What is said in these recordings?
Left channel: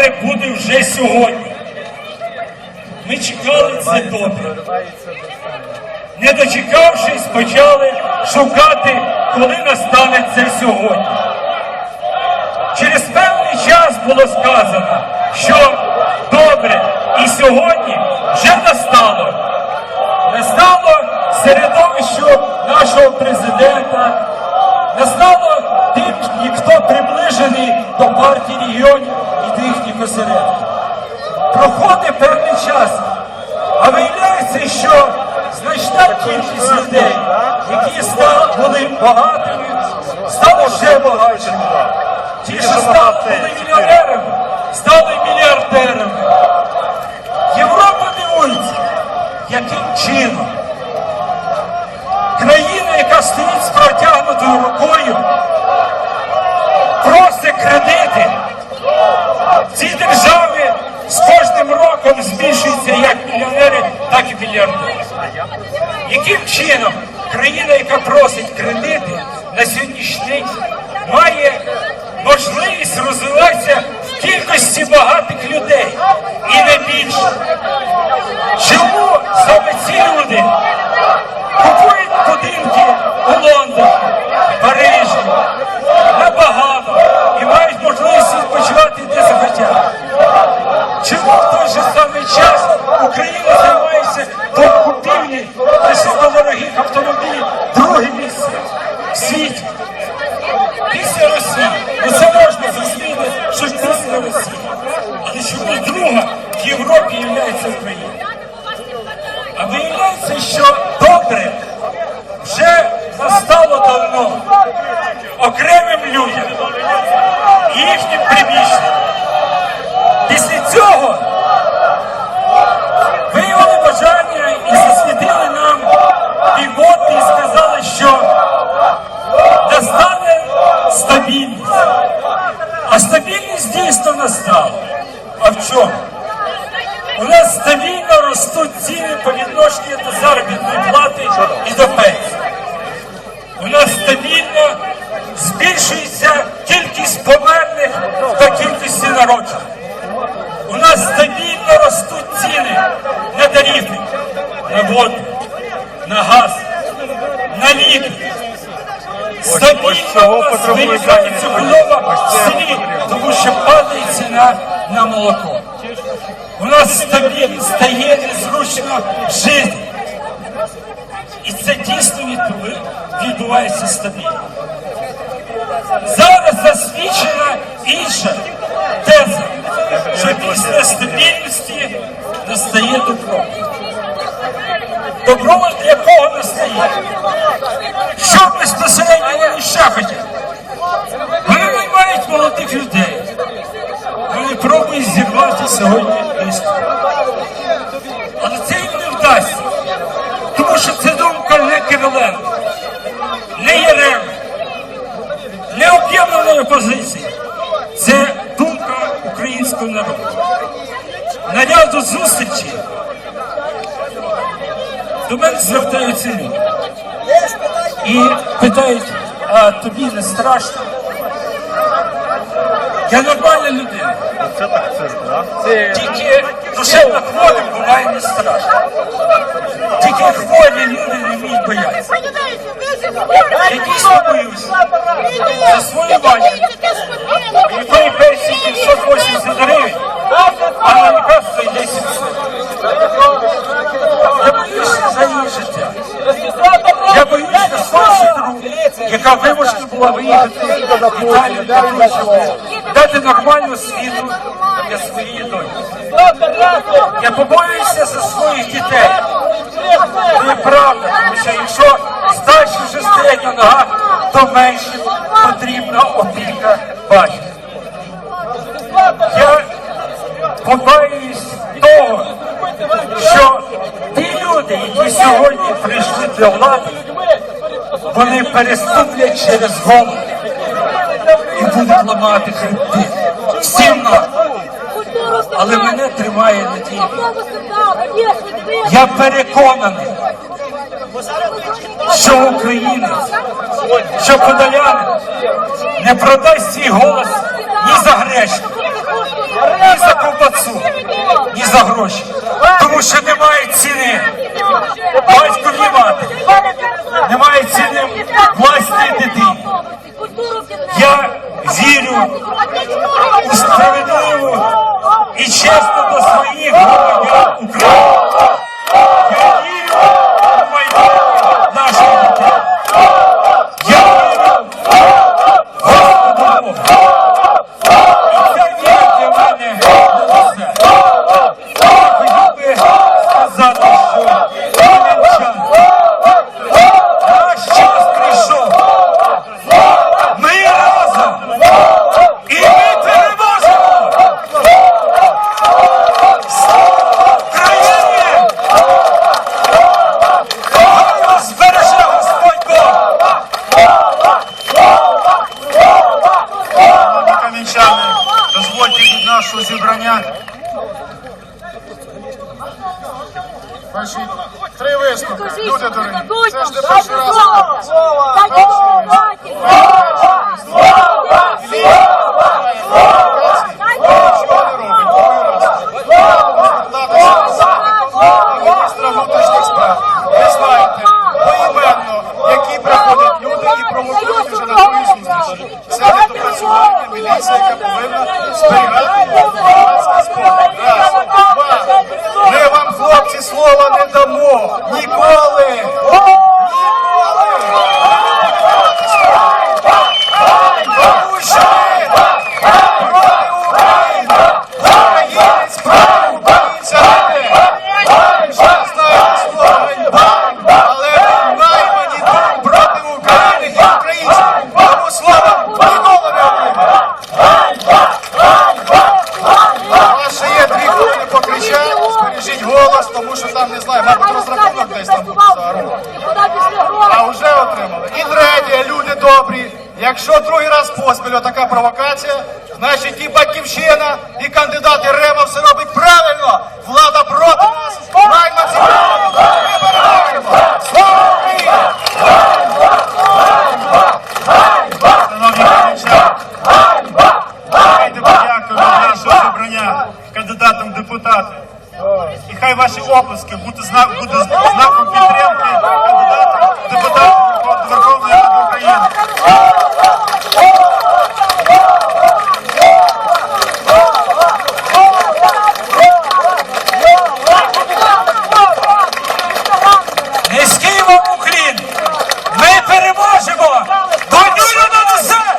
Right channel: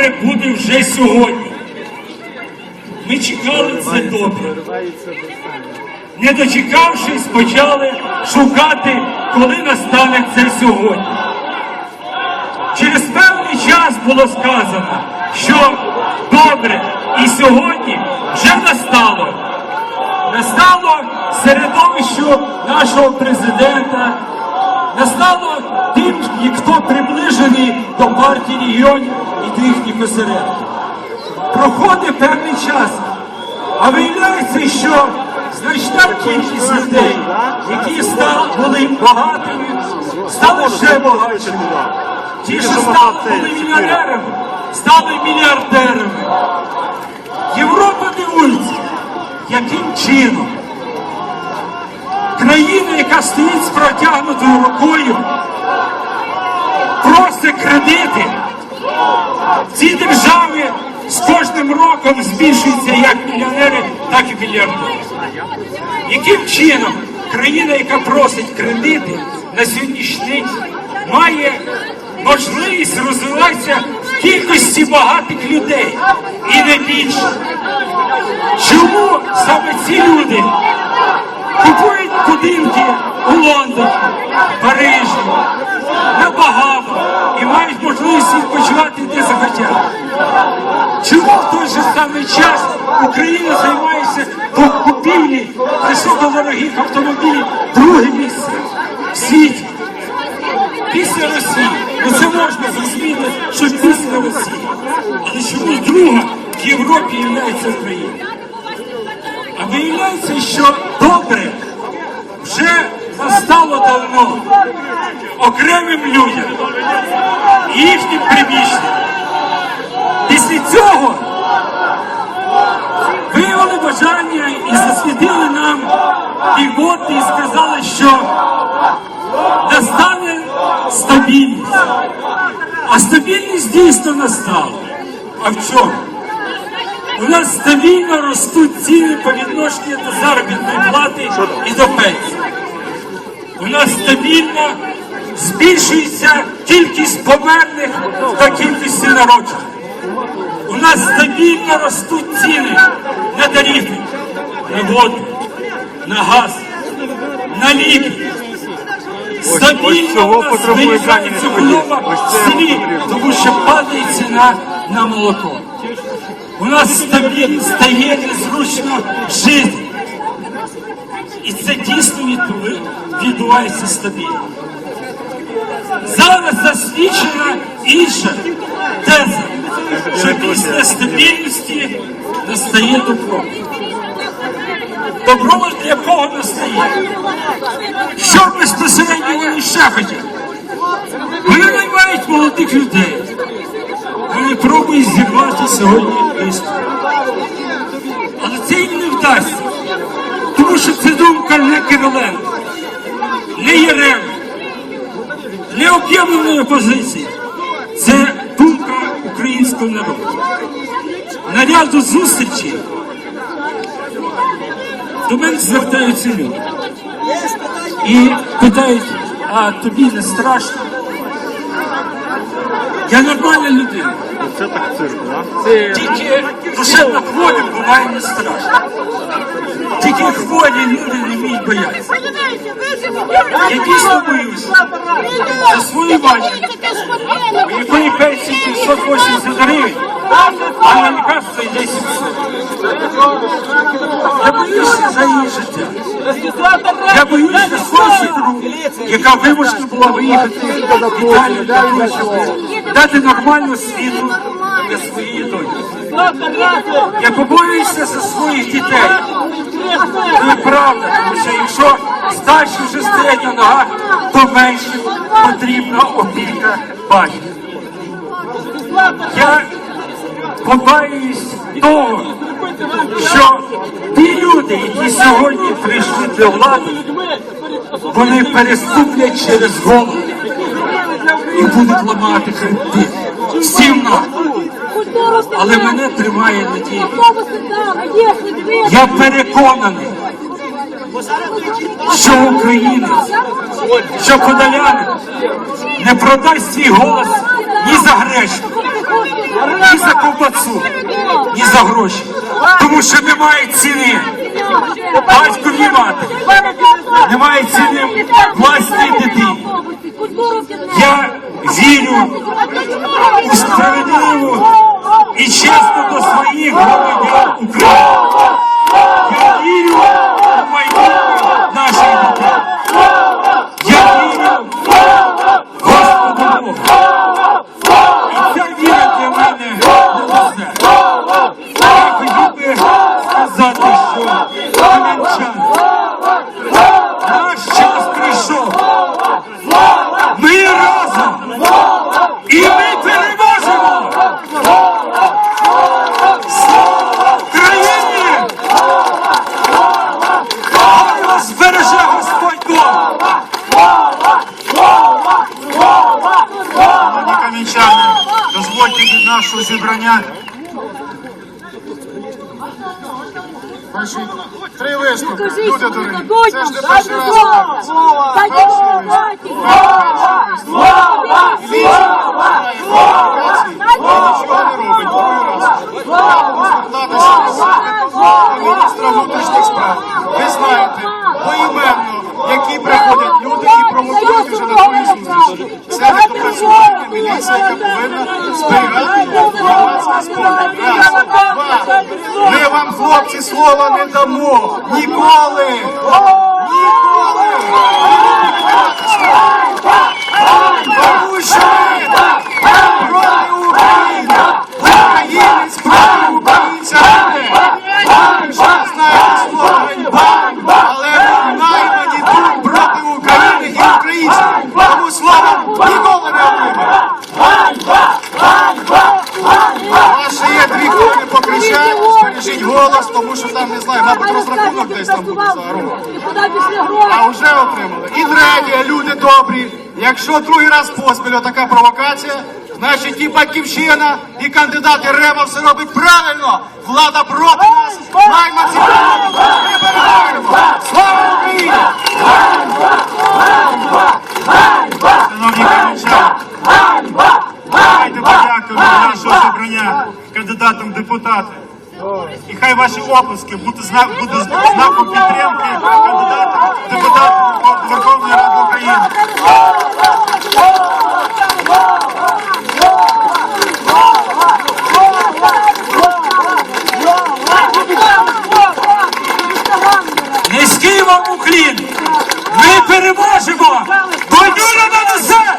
добре буде вже сьогодні. Ми чекали це добре. Не дочекавшись, почали шукати, коли настане це сьогодні. Через певний час було сказано, що добре, і сьогодні вже настало. Настало середовищу нашого президента, настало тим, хто приближений до партії регіонів до їхніх. Проходить певний час, а виявляється, що значна кількість людей, які стали, були багатими, стали ще багатшими. Ті, що стали були мільйонерами, стали мільярдерами. Європа дивується, яким чином країна, яка стоїть з протягнутою рукою, просить кредити. В цій державі з кожним роком збільшуються як мільйонери, так і мільярдери. Яким чином країна, яка просить кредити, на сьогоднішній день має можливість розвиватися в кількості багатих людей і не більше? Чому саме ці люди купують будинки у Лондоні, Парижі, на Багамах і мають можливість відпочивати де? Чому в той же самий час Україна займається купівлі високодорогих автомобілів друге місце в світі? Після Росії. Ну це можна зрозуміти, що після Росії. Але чому друга в Європі є Україна? А виявляється, що добре вже настало давно окремим людям їхнім приміщенням. Після цього виявили бажання і засвітили нам півоти і сказали, що настане стабільність. А стабільність дійсно настала. А в чому? У нас стабільно ростуть ціни по відношенню до заробітної плати і до пенсії. У нас стабільно збільшується кількість померлих та кількість народжених. У нас стабільно ростуть ціни на тарифи, на воду, на газ, на ліки. Стабільно худоба Ось в селі, тому що падає ціна на молоко. У нас стабільно стає незручно жити. І це дійсно відбу- відбувається стабільно. Зараз засвідчена інша теза, що після стабільності настає добро. Добро для кого настає? Що безпосередньо вони ще хотять? Вони наймають молодих людей. Вони пробують зірвати сьогодні близько. Але це їм не вдасться. Тому що це думка не Кириленко, не Єрема, не об'єднаної опозиції. Це думка українського народу. На ряду зустрічей до мене звертаються люди і питають, а тобі не страшно? Я нормальна людина. Це так цирк, да? Тільки душевно хворим буває не страшно. Тільки хворі люди не вміють боятися. Я дійсно боюся за свою у якої пенсії 580 гривень, а на лікарство йде 700. Я боюся за її життя. Я боюся яка вимушена була виїхати в щоб дати нормальну світу для своєї доньки. Я побоююся за своїх дітей. Це правда, тому що якщо старші вже стоять на ногах, то менше потрібна опіка батька. Я побаюсь того, що ті люди, які сьогодні прийшли до влади, вони переступлять через голову і будуть ламати хребти. Всім нам. Але мене тримає надія. Я переконаний, що українець, що подолянин не продасть свій голос ні за грешку, ні за ковбасу, ні за гроші. Тому що немає ціни. Батько і мати. Немає ціни власній дитині. Я вірю у справедливу і чесно до своїх громадян України. Я вірю у майбутнє нашої дитини. Я вірю в для мене не. Я хотів би сказати, що кам'янчани, наш час прийшов. Ми разом. І ми переможемо! Слава Україні! Хай вас збереже Господь Бог! Шановні кам'янчани, дозвольте від нашого зібрання. Ваші три виступи. Люди дорогі. Це ж не перший раз. Нічого не робить. Другий раз. Звертатися до міністра внутрішніх справ. Ви знаєте поіменно, які приходять люди і провокують вже на свої Це яка повинна зберігати громадський спокій. Раз, два. Ми вам, хлопці, слова не дамо. Ніколи! Ви не будете слова. Тому що ви проти України! Українець проти українця! Ви ж знаєте слово ганьба, але ви наймані тут проти України і українців. Тому слова ніколи не отримаєте. У вас ще є дві хвилини покричати, збережіть голос, тому що там не знаю, мабуть, розрахунок десь там буде за руку. А вже отримали. І третє, люди добрі. Якщо другий раз поспіль така провокація, значить і батьківщина, і кандидати Рева все робить правильно. Влада проти нас, нас. Ми переможемо. Слава Україні! Шановні кам'янчани, давайте подякуємо нашого зібрання кандидатам депутати. І ваші оплески будуть знак, будуть знаком підтримки кандидата Верхов- Верховної Ради України. Низький вам уклін! Ми переможемо! Бандюра на несе!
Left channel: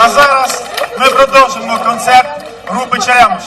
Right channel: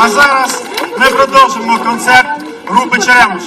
А зараз ми продовжимо концерт групи Черемуш.